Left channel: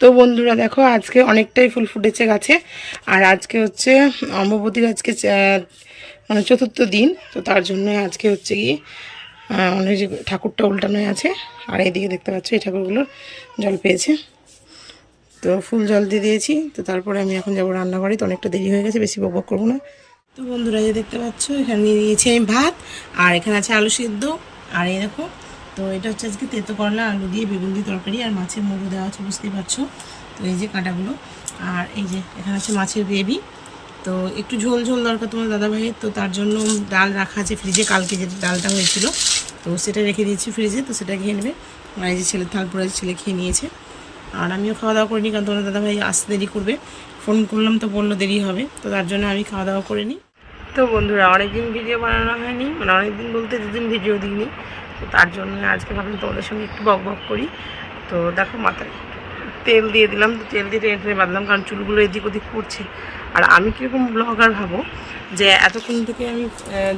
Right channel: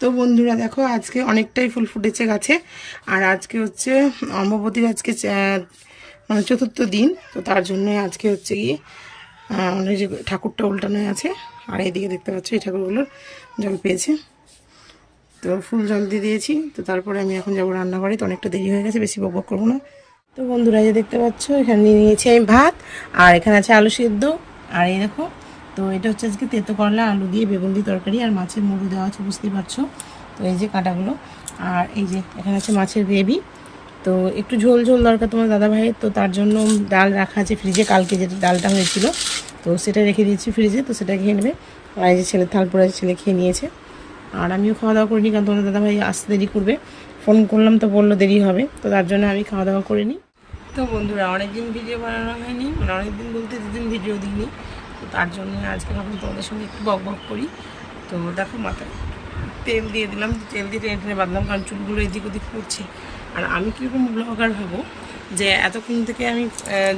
তো বন্ধুরা দেখো আজকে অনেকটাই ফুল ফুটেছে গাছে। আর আজকে হচ্ছে অম্বুবতীর আজকে মানে চতুর্থ দিন। তো তার জন্য আজকে হচ্ছে কি অনেক যে ঠাকুরটা উল্টানো আছে। আর এইদিকে দেখতে পাচ্ছ এই ঠাকুরগুলোর জল পেয়েছে, তো ফুল জল দিয়ে দিয়েছি। তো তারপরে আমি এখন যাবো রান্নাঘরে। তো অনেকটা দেরি হয়ে গেছে, বেশি বকবক করবো না। তো বন্ধুরা যে দেখতে পাচ্ছ এখানে নিয়ে নিয়েছি আমি ভাত, আর এখানে আছে আলু সিদ্ধ। আর এই দেখো, তো এটা হচ্ছে আজকে তেতো করলা আলু দিয়ে বেগুন দিয়ে তরকারি, আর মাছের মুড়ো দেওয়া আছে বুঝতেই পারছো। তো এই যে কাঁটাগুলো, আর এই যে এখানে আছে মাছের গ্রেভি। তো একটু ঝোল ঝোল দরকার তোমার দাদা ভাইয়ের, তো তার জন্য ডাল রাখা আছে ফ্রিজে, কালকে যে ডালটা হয়েছিল তো সেটা রেখে দিয়েছি ফ্রিজে। তো সেটা খেয়ে নেবে। আর এই যে ছেলের থাল পরে ছেলে খেয়ে নিয়েছে, আর আমিও খাওয়া দাওয়া করিনি, কারণ তোমার দাদা ভাই আসতে দেরি করবে। ফোন করলাম তো বললো দেরি হবে, তো তার জন্য আমি খাওয়া দাওয়া করিনি। তো বন্ধুরা অনেকদিন ভিডিও বানানো হয়নি, মানে অনেকদিন বলতে 2 দিন ভিডিও দিইনি। তো তার জন্য আজকে ভাবলাম তোমাদের সঙ্গে একটু বক বক করি। তো দেখো মাথায় তেল দিয়ে দিলাম, তো তেল দিয়ে টেনে টেনে বাঁধলাম, কারণ চুলগুলো এদিক ওদিক পড়ছে। আর আমি কীরকম ব্লগার ভাবো, যে এতক্ষণ থেকে আমি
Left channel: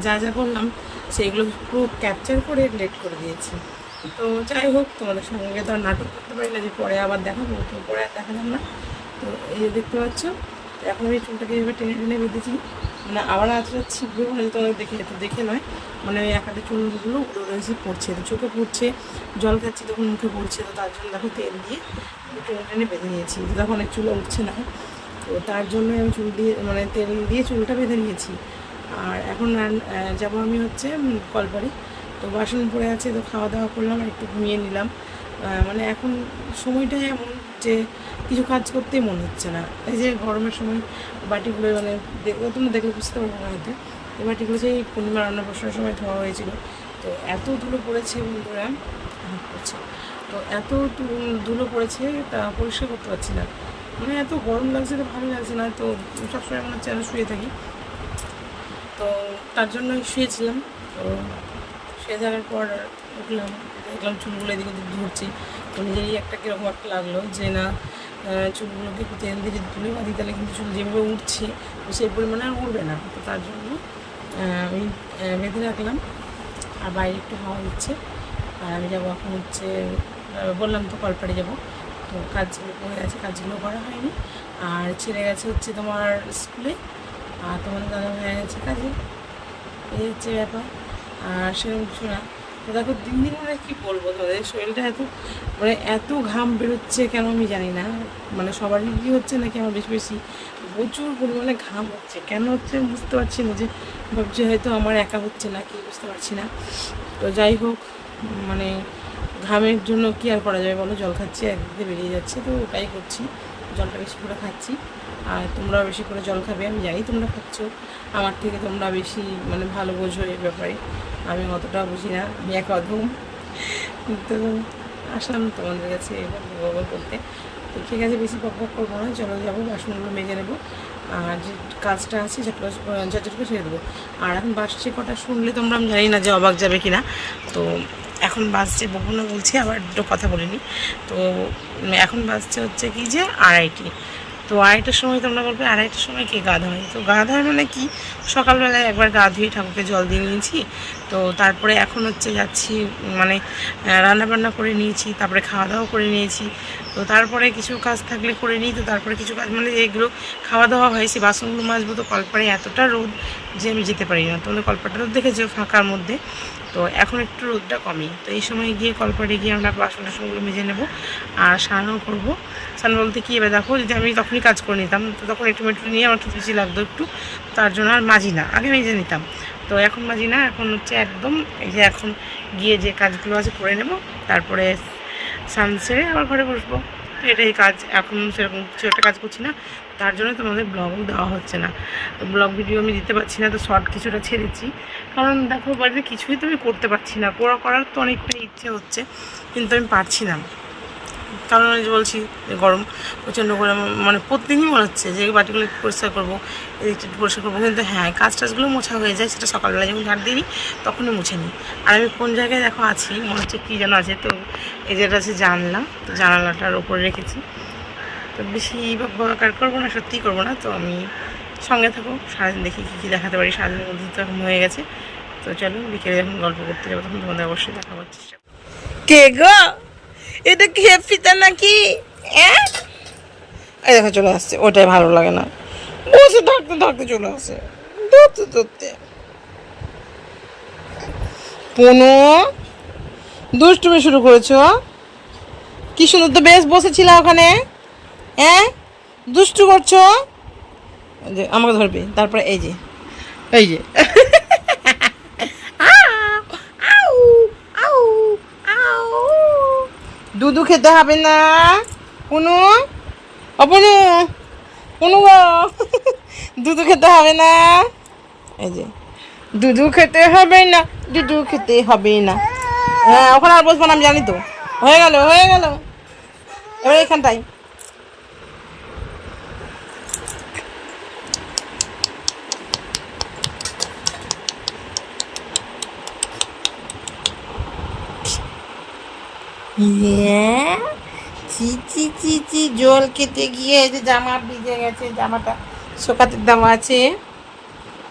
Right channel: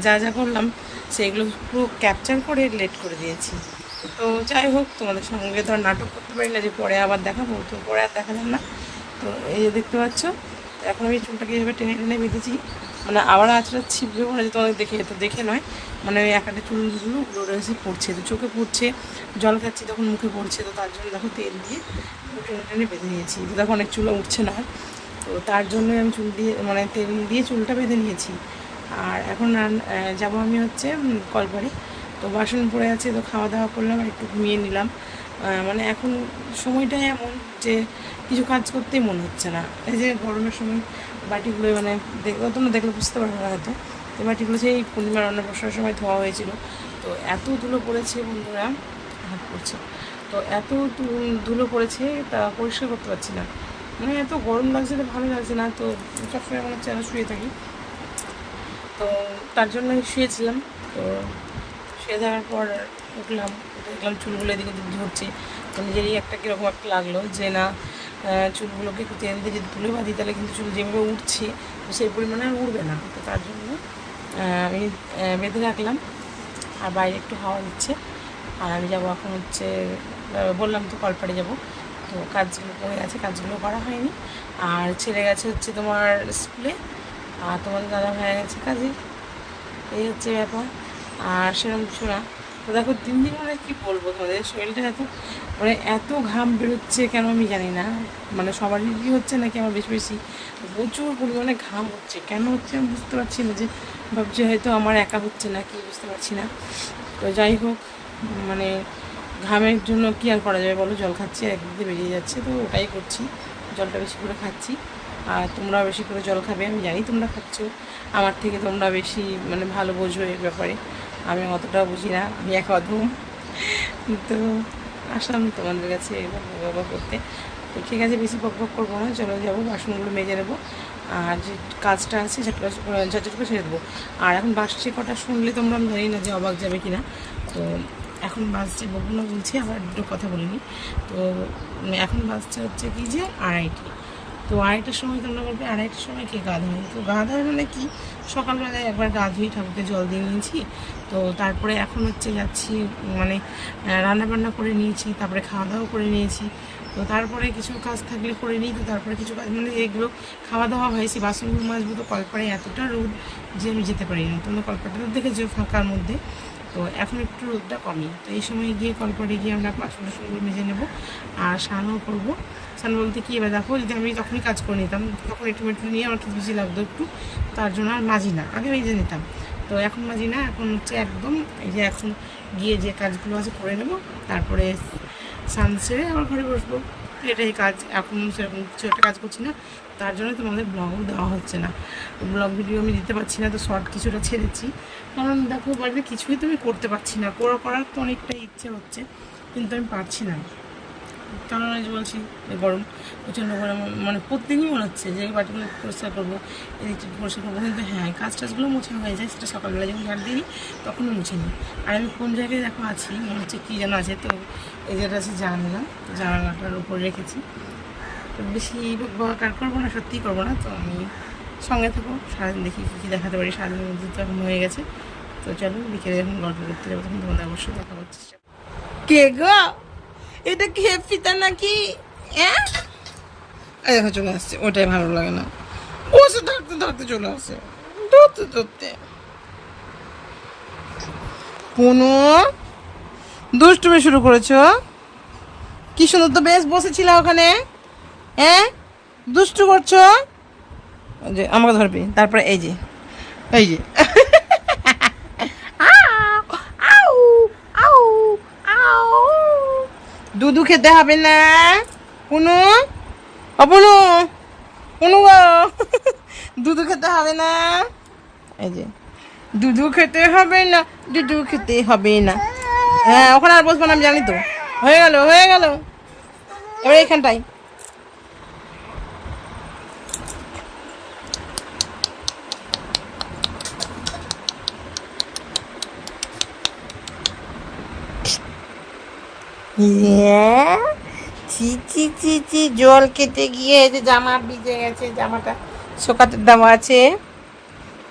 যা যা করলাম সেইগুলো পুরো ক্যাপচার করে লেট করে দিয়েছি। তো যাই হোক, তোমাদের সঙ্গে তো আর নাটক করতে পারি না যে পরে আবার দেখাবো, তো পরে আর দেখালাম না। তো এই যে দেখতে পাচ্ছ এখন আমি চুলটাকে এভাবে টেনে টেনে বেঁধেছি, মানে আবার আঁচড়া ছিপবে মনে হয় তোমাদের দেখে, তো দেখে নয়, মানে ওই একটা চুলগুলো উড়ে উড়ে এসে পড়ছে, তো চোখে পড়ছে, জল খাচ্ছি তখন মুখে পড়ছে। তো তার জন্য দেখো তেল দিয়ে টেনে টেনে বেঁধে নিয়েছি। তো দেখো অনেক চুলও উঠছে না, তো তার জন্যই আমি চুল দিয়ে মানে তেল দিয়ে চুলটা বেঁধে নিয়েছি। আর এখন যাবো আমি হচ্ছে কলপাড়ে। তো বাসন পড়ে আছে, তো খাওয়া দাওয়া করলাম আর একটু ঘুমিয়ে নিলাম। মানে এখন সময়টাই এমন যে কিছু কাজ করতেই মনে হচ্ছে না। এই যে গরমের সময় বাটিগুলো মানে তোমরা দেখলে বুঝতে পারবে না হয়তো, তো বাটিগুলো সেই পূর্ণিমা রান্না বসার সময় ধোয়া হয়েছিল। তো এত ধুলো পড়েছে বন্ধুরা, হাত পড়ছে, তো এত ধুলো পড়েছে তা পরিষ্কার করতে পারছি না। মানে এত গরম লাগছে, তো ভালো লাগছে না। তো সবসময় মনে হচ্ছে আমি শুয়ে থাকি, তো তার জন্যই শুয়েছিলাম। তো শুয়ে থাকার পর উঠলাম, দেখলাম চুলগুলো এদিক ওদিক ধরছে। তো নিজেরই একটা কীরকম একটা লাগলো যে না, চুলগুলোকে একটু তেল দিয়ে যদি তুলে বাঁধি তাহলে কিন্তু চুল যেভাবে উঠছে তো সেই পরিমাণে আর উঠবে না। তো তার জন্য আমি বেঁধে রাখলাম, আর বাইরে একটু হাওয়া দিচ্ছে। আর আমি যাবো এখন হচ্ছে, বললাম তো কলপাড়ে যাব। তো কাজগুলো পড়ে আছে, কাজগুলো করা হয়নি। আর ছেলে গেছে হচ্ছে তোমার স্কুলে, আর তোমাদের দাদা ভাই গেছে কাজে। এই হচ্ছে ব্যাপার, আর সেরকম কিছু না। তো দেখো দিন দিন মানে কী বলবো তোমাদের, শরীরটা এত ঘাম বেরোচ্ছে কেন আমি জানি না। মানে সবারই কি হচ্ছে নাকি আমার বেশি বেশি প্রচুর পরিমাণে ঘাম হচ্ছে, কেন হচ্ছে আমি বুঝতে পারছি না। যে ভাবছি হয়তো আমার একা হচ্ছে না কি, বুঝতে পারছি না। তো যাই হোক, মানে ঘামের জন্য কি আর করা যাবে বলো, জল খাচ্ছি, একদিকে বেরিয়ে যাচ্ছে, তো ওটাই করছি, জলটা বেশি করে খাচ্ছি। আর তোমরাও বেশি করে জল খাবে, আমি জানি তোমরা খাচ্ছ, আমার থেকে তোমরা বেশি মানে ভালো বোঝো এই ব্যাপারে, আমি অতটা বুঝি না, আমি এক অধম। তো আসলাম তোমাদের কাছে বকবক করতে। তো ঠিক আছে, বেশি বকবক করবো না, চলো যাবো, বাসনগুলো মেজে নেবো, আর যে কাজটা আছে ঝটঝট করে ছেড়ে দেবো। আর এখন বাসছে কটা শুনলে তোমরা, আমি জানি না যে অবাক যাবে কি না। তো এখন বাজছে, বকবো না বলছি, আবার একটু কথা বলিনি। তো এখন বাজছে হচ্ছে কি যে 2:30। তো 2:30টার সময় তোমরা বলবে 2:30টার সময় কে গা ধোয়? তো গা ধোয় মানে কি, সকালবেলায় একবার গা ধুয়ে ঠাকুরকে জল দিয়ে নিয়েছি। তো তারপরে এখন হচ্ছে যাচ্ছি, মানে রান্নাবান্না করে নিয়েছি, তারপরে খাওয়া দাওয়া করে নিয়েছি। তো তারপরে কিছু কাজ থাকলে করে নিই। তো তারপরে কিছু কাজ মানে যেগুলো খাওয়া দাওয়া হয়েছে, বাসনগুলো মাজবো। তো কলপাড়ে এতটা রোদ যে আমি যেতে পারি না, তোমরা কলপাড়টা তো দেখেছো ফাঁকার মধ্যে। তো এখন একটু রোদটা কমই, তো এই সময় গিয়ে কলপাড়ে গিয়ে আমরা বাসন টাসনগুলো মেজে নেবো, আর স্নানও করবো। স্নান বলতে কি, এবার দেখো যদি আমি তখনই কাজ করে নিতাম, তো তখন একটু মেট্রো নিয়ে আমার একটু বেশি লাগতো একটু, তার জন্য আর মাজি না, আগে মেজে নিতাম। তো এখন মাজি না, এখন হচ্ছে একদম এই যে এখন গিয়ে যে কাজগুলো আছে করে নেব, তারপরে স্নান সেরে আবার ঘরে বসবো। তো এটাই কাজ, এখন সেরকম কিছু একটা কাজ করছি না, তার জন্য তোমাদের ব্লগও দেওয়া হচ্ছে না। তো ব্লগ ভিডিও আমি দিতে পারছি না, তো শর্ট কিছুটা ছেড়েছি, কারণ দেখো বাড়িতে কিছুই তো আমি করতে পারছি না, করার তো অনেকটা ইচ্ছে হচ্ছে, কিন্তু আমি পারছি না। কারণ আমি বলছি গরম, প্রচণ্ড গরম, মানে প্রতিদিনই মনে হচ্ছে যে বাটিগুলো একটু পরিষ্কার করবো, এদিকটা একটু পরিষ্কার করবো। কিন্তু হ্যাঁ, কাজ টাজগুলো মোছা হয়ে যায়, সেটা সকালবেলা যখন ঝাড় দিই তখনই মুছে নিই। আর আমি কোন জায়গায় দেখো আছি, মনে হচ্ছে কী যেন আছে। তো এই যেটা আছে জানলা, তো জানালাটার উপরে রেখেছি। তো বেশি বকার করবো না, সত্যিই করবো না। তো আমি সঙ্গে থাকো, সারাদিন দেখি কী কী দেখাতে পারি। সারাদিনের মধ্যে তো এখন হয়ে গেছে। তো চলো বিকেলে যখন গল্প করতে যাবো তখন তোমাদের অবশ্যই দেখা হচ্ছে। কে গো, এটা কি ফিতা নাকি? এই দেখো চলে আসছে, ওটাই ভালো লাগে না, বসে থাকতে থাকতে চলে আসে ধরতে ধরতে। পুনু দুষ্টুমি শুরু করেছো, কি সুন্দর তো বেশ বসেছিলাম ওখানে, হ্যাঁ দুষ্টু করছো। যে আমাকে ধরবে, তারপরে এই যে এই যে দুধু খেতে হবে না পুনু, অপুনু, পুনু গো দুধু খেতে হবে না, এই যে দুধু খেতে হবে না, দুধু খেতে হবে না। হ্যাঁ ওখানে আর বসবো না আমি জানি তো, হয়ে গেল হয়ে গেল, এবার এখানটাই। চি চি চি চি, জল কেটে গিয়ে যে জামা ভিজে গেছে, জামাটা শোকাতে দেওয়া আছে,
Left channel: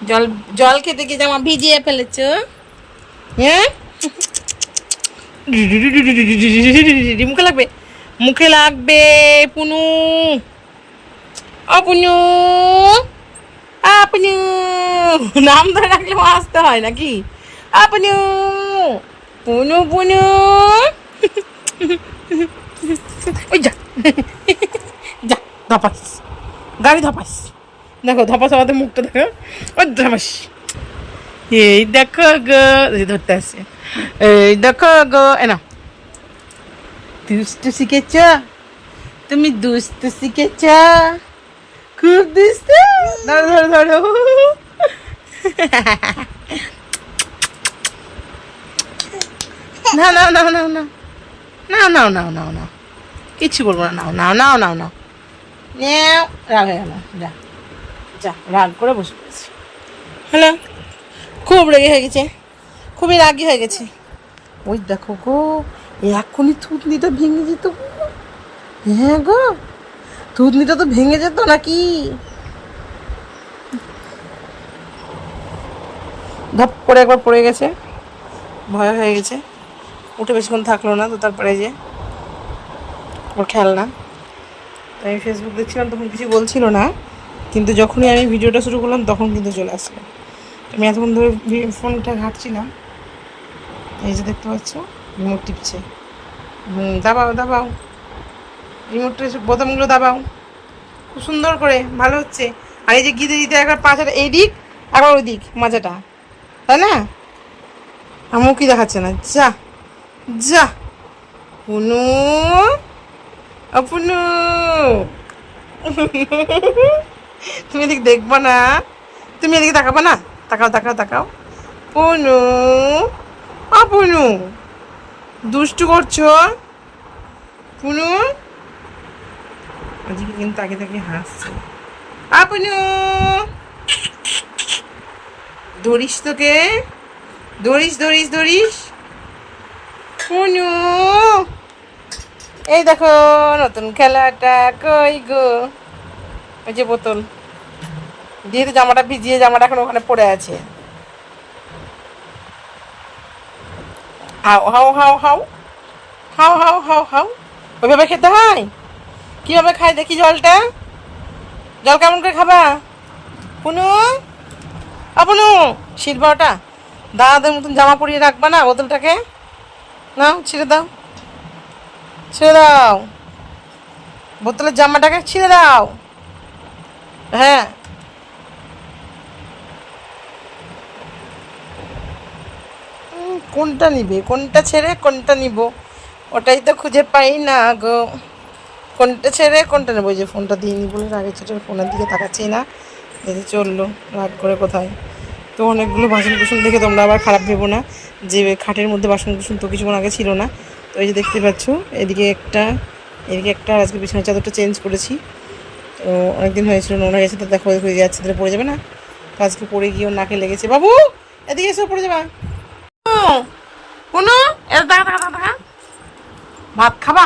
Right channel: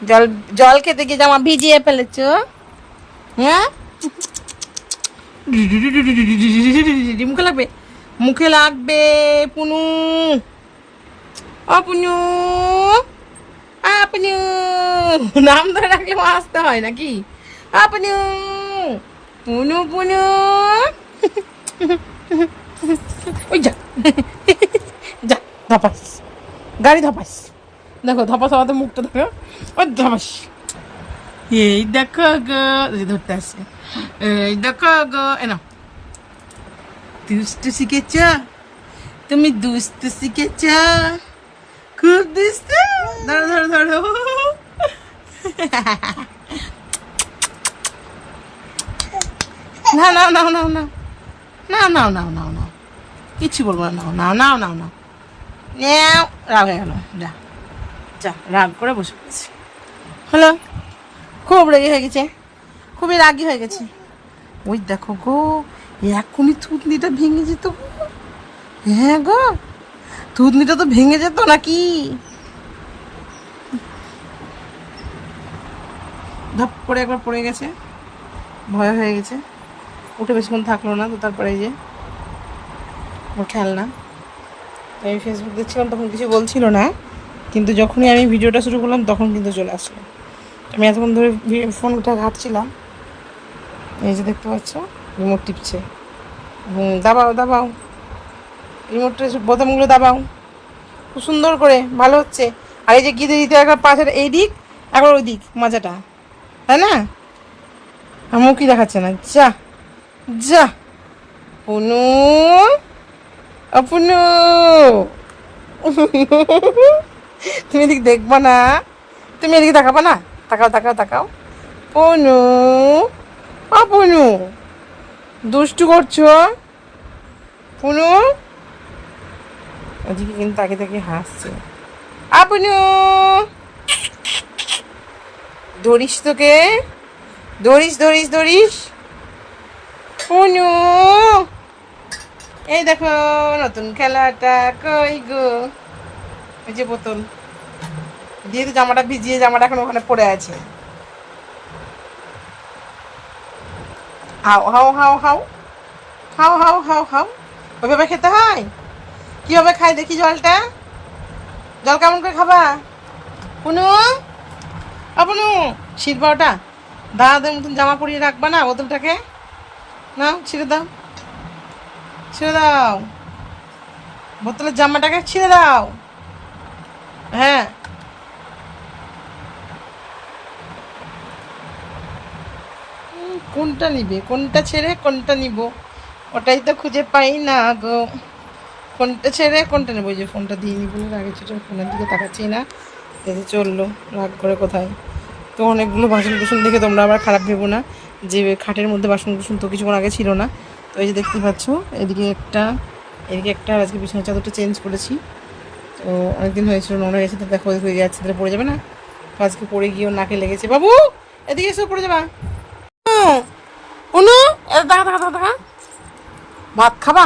জল জল খেতে গিয়ে জামা ভিজিয়ে ফেলেছো, হ্যাঁ মুখে লাগবে, মুখে লাগবে পুনু, অপুনু, আপনু, নাম ধরে রাখলে আসতে হয় নাকি, আপনু, পুনু পুনু, ওই যা যা ধপাস, গাড়ি ধপাস, দেখো ধপাস আমাদের মুখটা দেখো, ওই ধপাস, এই দেখো গো, ধরতে আসছে, এই দেখো গো, এনা দুষ্টু শিখেছ, তুমি দুষ্টু শিখেছ, খুব দুষ্টু, ধরো ধরো ধরো, না না না না না না না না না না কিচ্ছু বলবো না, নাও নাও নাও নাও নাও, নেও, রাগ হয়ে গেল, যা যা, রাগ করে বসে পড়েছে, হ্যালো, খুব রেগে হয়ে গেছে, খুবই রাগি হয়ে গেছে। ওই দেখো গো, এখনই থুতনিটা ভেঙে যেত গো, হ্যাঁ গো থুতনিটা তো ভেঙে যেত নাকি, ধপ করে একবার পড়ে গেছে, ভয় হয়ে গেছে, উঠে বেশিক্ষণ থাকলো না, তো তারপরে যে ওর খেলনা, আমি ফেসবুক দেখছিলাম তখন কিছু বলছিল না, কিন্তু যখনই আমি ভিডিওটা শুরু করলাম তখন কিন্তু চলে আসলো। আমি এতক্ষণ ধরে ফোনটা ঘাটছিলাম, এই যে দেখতে পাচ্ছ রিমোট টিপছে, দাবাও দাবাও, রিমোটটা বোতামগুলো দাবাও, খুব সুন্দর করে, ভালো হচ্ছে। আর এই যে গিতে দিতে একবার পাশের এই দিক একবার ওই দিক মাজাটা, তাই না, আমার কি দেখাচ্ছে না, যা যা পুনু, অপুনু, তুমি এদিকে দেখবা না, তুমি এদিকে তাকাবা না, তাকাও তাকাও তাকাও, পুনু, অপুনু দুষ্টু করছো, পুনু ওদিকে কিন্তু তাকে তাকে হাসছে, আপনু ধরিস তোকে, ধরিস ধরিস ধরিস, পুনু এই দেখো নতুন খেলাটা, কই গো, এই যে বোতল, যেহেতু জামাটা ভিজিয়ে, জামাটা এখন ওখানে পড়ে আছে, হাও হাও হাও হাও হাও হাও হাও হাও, ওইভাবে খেতে হয়, কিভাবে খাই দেখি জলটা, জল কেমন করে খাবা, পুনু, পুনু শিখবা ওটা, দাদাদের মতন জামা পরিয়ে রাখবা না বোতলটাকে, নাও ছিঁড়ে দাও, ছিঁড়ে দাও, বোতলের জামাটাকে ছিঁড়ে দাও, হ্যাঁ কোনটা নিবে, কোনটা ছেড়ে কোনটা নিব, ওটাই তো খুঁজে পাই না গো, কোনটা ছেড়ে কোনটা নেবো, যে ফোনটা দিইনি বলে রাগে ছোটো ফোনের দিকে তাকাচ্ছি না, এতে চললো রাগ করে কোথায়। তো অনেকগুলো বাসন কুসন দেখে তোমরা আবার খারাপ ভেবো না, যে খাটের মধ্যে বাসন কুসন তো কিছুক্ষণ আগে ছিল না, তো এই যে দেখতে পাচ্ছ এদিকে একটা, এদিকে একটা, আজকে বিছানার চাদরটা চেঞ্জ করেছি, তো অনেকদিন হয়েছিল নোংরা গেছে, তো দেখো হয়ে যাচ্ছে, তাহলে পড়ে যাবে না, তো আজকে পড়ে গিয়েও নাকে লেগেছে, বাবু এদিকে এসে পড়ে যাবা, অনু দেখা দেখা দেখা দেখা, ভাত খাবা,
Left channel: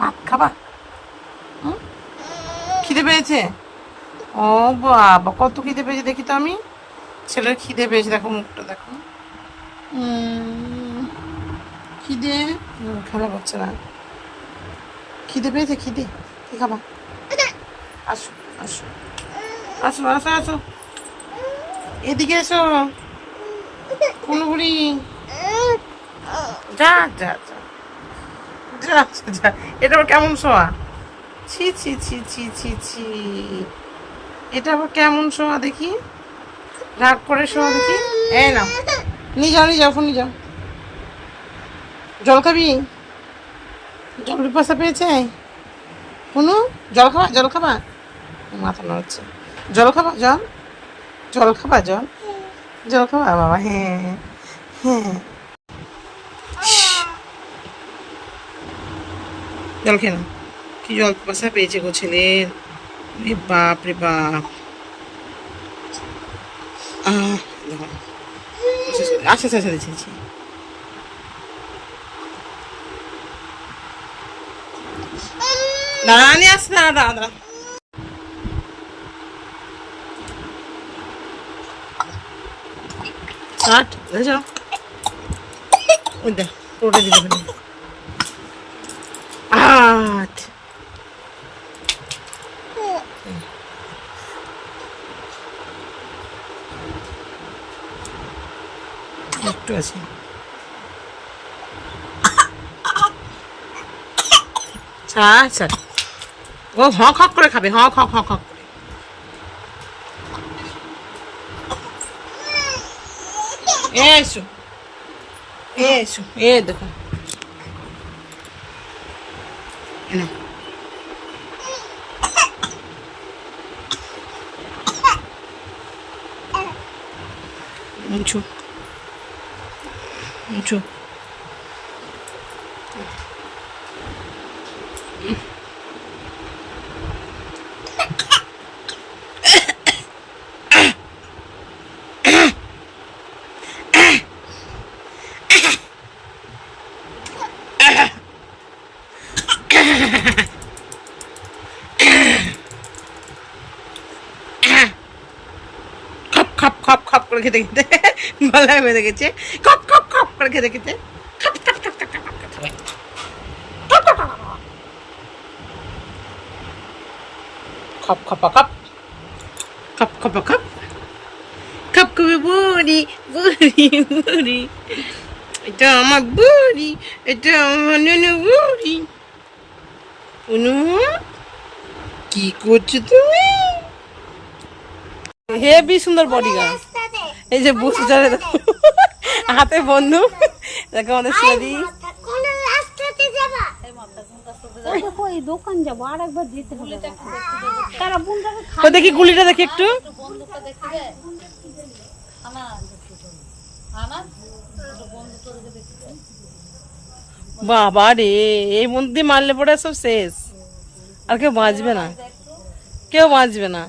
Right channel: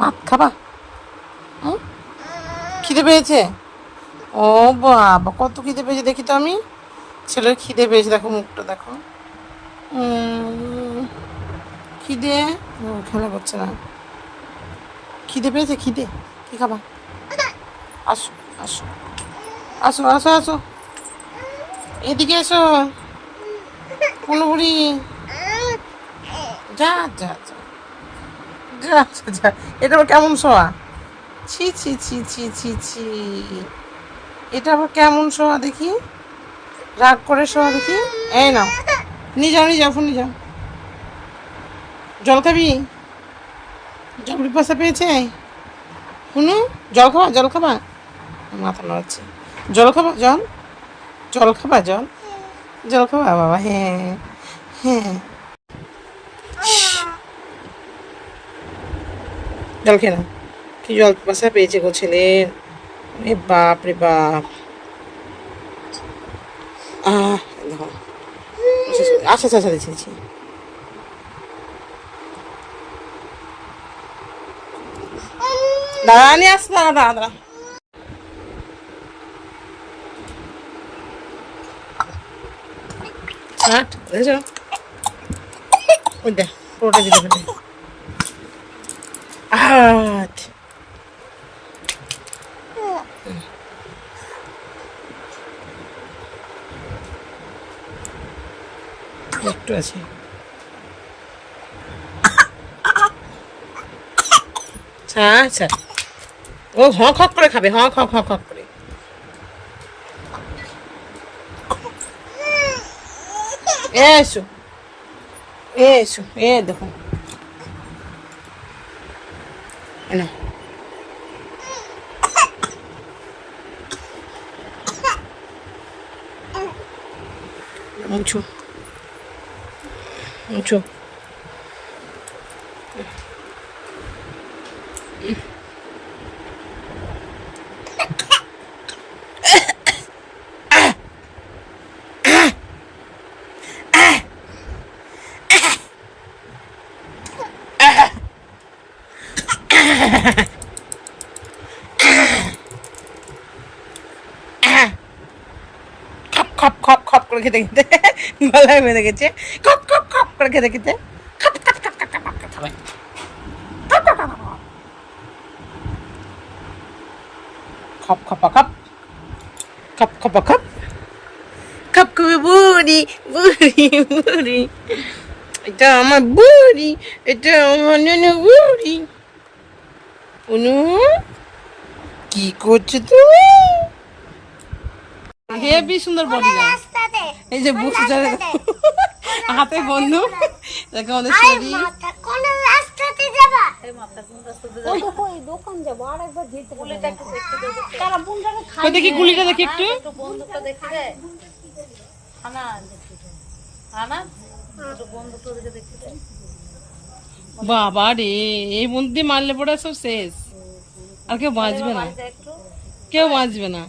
ভাত খাবা, খিদে পেয়েছে, ও বাবা কত খিদে পেয়েছে, দেখি তো আমি, ছেলের খিদে পেয়েছে, দেখো মুখটা দেখো, খিদে, খেলা করছে না, খিদে পেয়েছে, খিদে কি খাবা? আসো আসো আসো আসো আসো, এদিকে এসো পুনুবুড়ি। যা যা যা যা যা যা, এটা আবার কেমন শোয়া? ছি ছি ছি ছি ছি ছি, এটা আবার কেমন শোয়া দেখি? রাগ করে শোয়া দেখি। এই নাও, নিয়ে যাও নিয়ে যাও, ফোন নিয়ে যাও। জল খাবি? জল পিপাসা পেয়েছে? শুনু, জল খাবা জল খাবা? মাথা নাড়াচ্ছে। জল খাবা জল? জল খাবা জল? জল খাবা বাবা? হ্যাঁ হ্যাঁ, জল খেয়ে নাও। কি জল পিপাসা পেয়েছে গো ছেলের, এ বাপ রে বাপ। দেখো, আচ্ছা আচ্ছা আচ্ছা আচ্ছা, দাঁড়া নিয়ে আসছে, দাঁড়া দাঁড়া দাঁড়া। আট দেখেছ, ওই দেখ পুরোটা দিল ফেলে। আট একটু আছে। আচ্ছা, ও হক হক করে খাবে, হক হক হক হক করে। এসো এসো, এ দেখো না, মুছো মুছো। খপ খপ খপ খপ করে খেতে খেতে গলায় বেঁধে গেছে। খপ খপ খপ করে খেতে খেতে খপ খপ খপ খপ খপ করে খাবে। খপ খপা খপ, খপ খপা খপ, খপ কবি বুড়ি বুড়ি বুড়ি। এটা আমার বুড়ি, এটা আমার ননু বুড়ি। অনু কি করছো তুমি? হেবি সুন্দর বডি গার্ড। এই যে বসে যাবে হাতে বন্ধু, দেখো আমাদের শরীর। দেখি গুলিটা দেখি একটু। বাবা রে, এই বন্ধু মারলে পরে সব শেষ, আর কেউ বাঁচবে না, কেউ বাঁচবে না।